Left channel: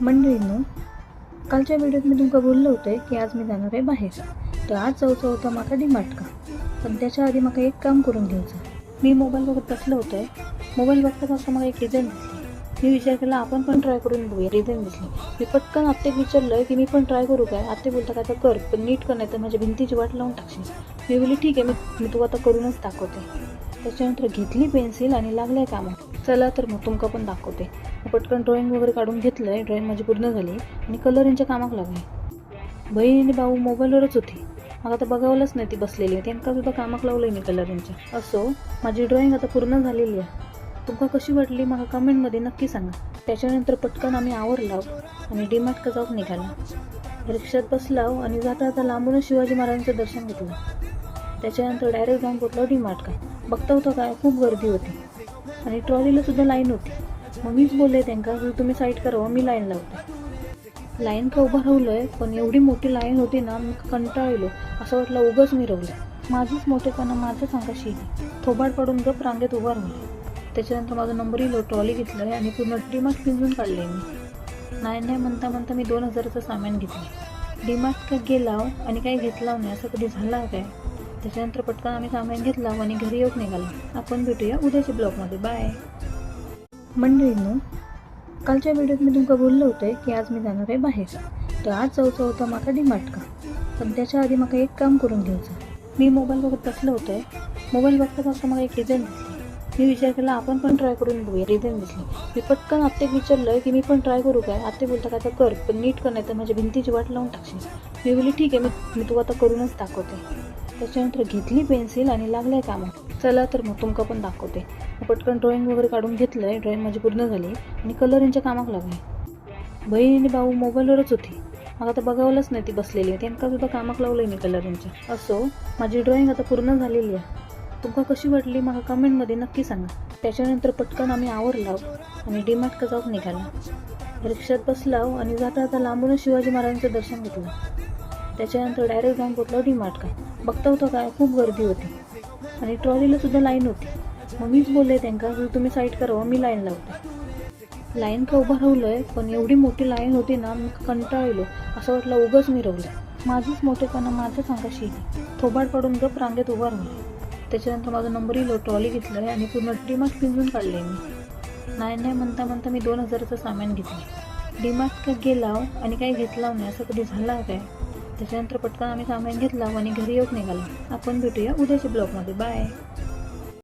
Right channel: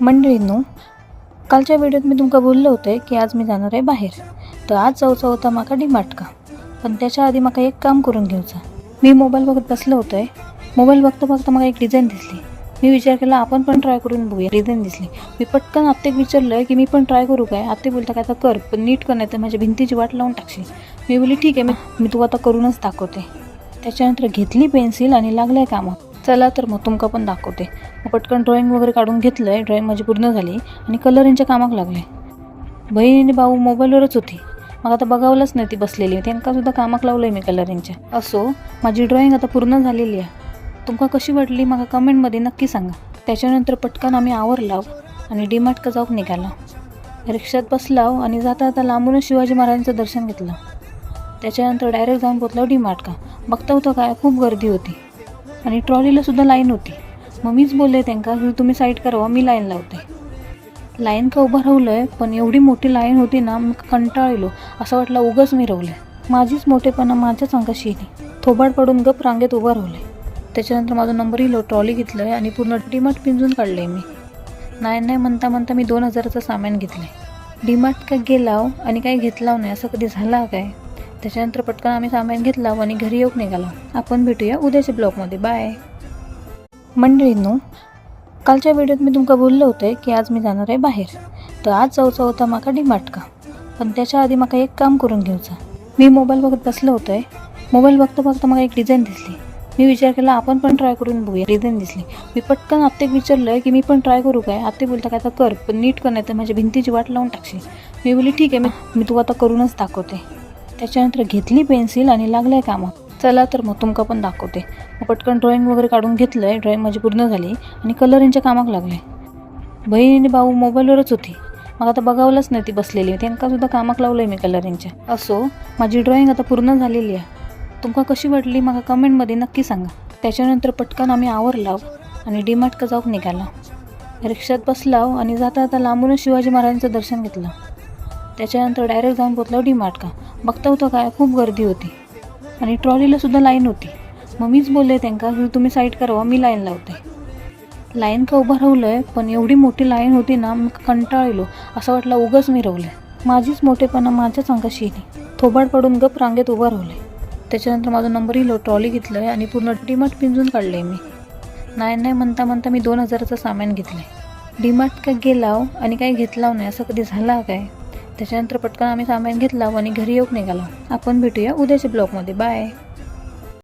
मंडळींनो, कालच्या व्हिडिओत मी तुमका बोललो होते की आज मी जाणार आहे बाहेर. तर आज जाऊचा होता माका डीमार्टका. पण त्याच्या आधी माका एक काम करून घेऊचा. मी मोबाईल बघत बसलो होतोय. मोबाईल बघता बघता मला एक डिझाईन दिसली. मी विचार केला आपण पण ट्राय करून बघूया. डिझाईन दिसली. मी पटकन आत्तेक विचारलं की मी पण ट्राय करू काय. आत्ते बोलता काय तर कर, पण नीट कर, नाही तर माझ्या भिंतीची वाट लावून टाकशील. मी बोलली ठीक आहे, मी तू आता करूनच दाखवते. त्याच्यानंतर घेतली पेन्सिल आणि लागलंय कामात. चला तर मग तुमका पण दाखवते. मग पटकन ड्रॉइंग वगैरे काढून घेतलं आहे. ड्रॉइंग माझी पूर्ण झाली आणि कलरिंगच्या कामाक लागले. बहीण आणि भाऊ मोबाईलवरच होती. मग आता बघावलंच नाही ती बसलेली. त्यांनासुद्धा कामाक लावलं आहे मी कलरिंगच्या. असो, माझी ड्रॉइंग आता पूर्ण झालेली आहे. तुमका कशी वाटली मला कमेंटमध्ये नक्की सांगा. त्याच्यानंतर पटकन आम्ही आवरलाव आणि डीमार्टका जाऊन निघाला. रिक्षात बसलाव आणि जाता जाता लांबूनच शिवाजी महाराजांचं दर्शन घेतलं. त्याच्यानंतर डायरेक्ट जाऊन पोचलो डीमार्टका. बघता होतं काय खूप गर्दी होती आणि ट्रॉलीला सुद्धा लाईन होती. मग मीच बोलले त्यांना की तुम्ही साईड करावा, मी लाईन लावते. लाईन का उभं राहलं आहे, पण एवढी मोठी लाईन होती ना, मी कंटाळलो. असं वाटलं उगाच मी रवले. माझीच मोठेपणा माझ्याच अंगाशी येईल. थोबाड पडून गप रांगेत उभं राहले. त्याच्यानंतर माझा नंबर इलो. ट्रॉली घेतलं आहे आणि पूर्ण डीमार्ट पिंजून काढलं आहे मी. नाही म्हणता म्हणता मी 2000चं सामान घेतलं आहे. डीमार्ट काय गेलाव आणि काही घेतलाव नाही असं कधी झालं काय. त्याच्यानंतर पटकन आम्ही सामान घेतलं आणि घरी येऊन निघालो. आपण भेटूया उद्याच्या ब्लॉगमध्ये. बाय. मंडळींनो, कालच्या व्हिडिओत मी तुमका बोललो होते की आज मी जाणार आहे बाहेर. तर आज जाऊचा होता माका डीमार्टका. पण त्याच्या आधी माका एक काम करून घेऊचा. मी मोबाईल बघत बसलो होतोय. मोबाईल बघता बघता मला एक डिझाईन दिसली. मी विचार केला आपण पण ट्राय करून बघूया. डिझाईन दिसली. मी पटकन आत्तेक विचारलं की मी पण ट्राय करू काय. आत्ते बोलता काय तर कर, पण नीट कर, नाही तर माझ्या भिंतीची वाट लावून टाकशील. मी बोलली ठीक आहे, मी तू आता करूनच दाखवते. त्याच्यानंतर घेतली पेन्सिल आणि लागलंय कामात. चला तर मग तुमका पण दाखवते. मग पटकन ड्रॉइंग वगैरे काढून घेतलं आहे. ड्रॉइंग माझी पूर्ण झाली आणि कलरिंगच्या कामाक लागले. बहीण आणि भाऊ मोबाईलवरच होती. मग आता बघावलंच नाही ती बसलेली. त्यांनासुद्धा कामाक लावलं आहे मी कलरिंगच्या. असो, माझी ड्रॉइंग आता पूर्ण झालेली आहे. तुमका कशी वाटली मला कमेंटमध्ये नक्की सांगा. त्याच्यानंतर पटकन आम्ही आवरलाव आणि डीमार्टका जाऊन निघाला. रिक्षात बसलाव आणि जाता जाता लांबूनच शिवाजी महाराजांचं दर्शन घेतलं. त्याच्यानंतर डायरेक्ट जाऊन पोचलो डीमार्टका. बघता होतं काय खूप गर्दी होती आणि ट्रॉलीला सुद्धा लाईन होती. मग मीच बोलले त्यांना की तुम्ही साईड करावा, मी लाईन लावते. लाईन का उभं राहलं आहे, पण एवढी मोठी लाईन होती ना, मी कंटाळलो. असं वाटलं उगाच मी रवले. माझीच मोठेपणा माझ्याच अंगाशी येईल. थोबाड पडून गप रांगेत उभं राहले. त्याच्यानंतर माझा नंबर इलो. ट्रॉली घेतलं आहे आणि पूर्ण डीमार्ट पिंजून काढलं आहे मी. नाही म्हणता म्हणता मी 2000चं सामान घेतलं आहे. डीमार्ट काय गेलाव आणि काही घेतलाव नाही असं कधी झालं काय. त्याच्यानंतर पटकन आम्ही सामान घेतलं आणि घरी येऊन निघालो. आपण भेटूया उद्याच्या ब्लॉगमध्ये. बाय.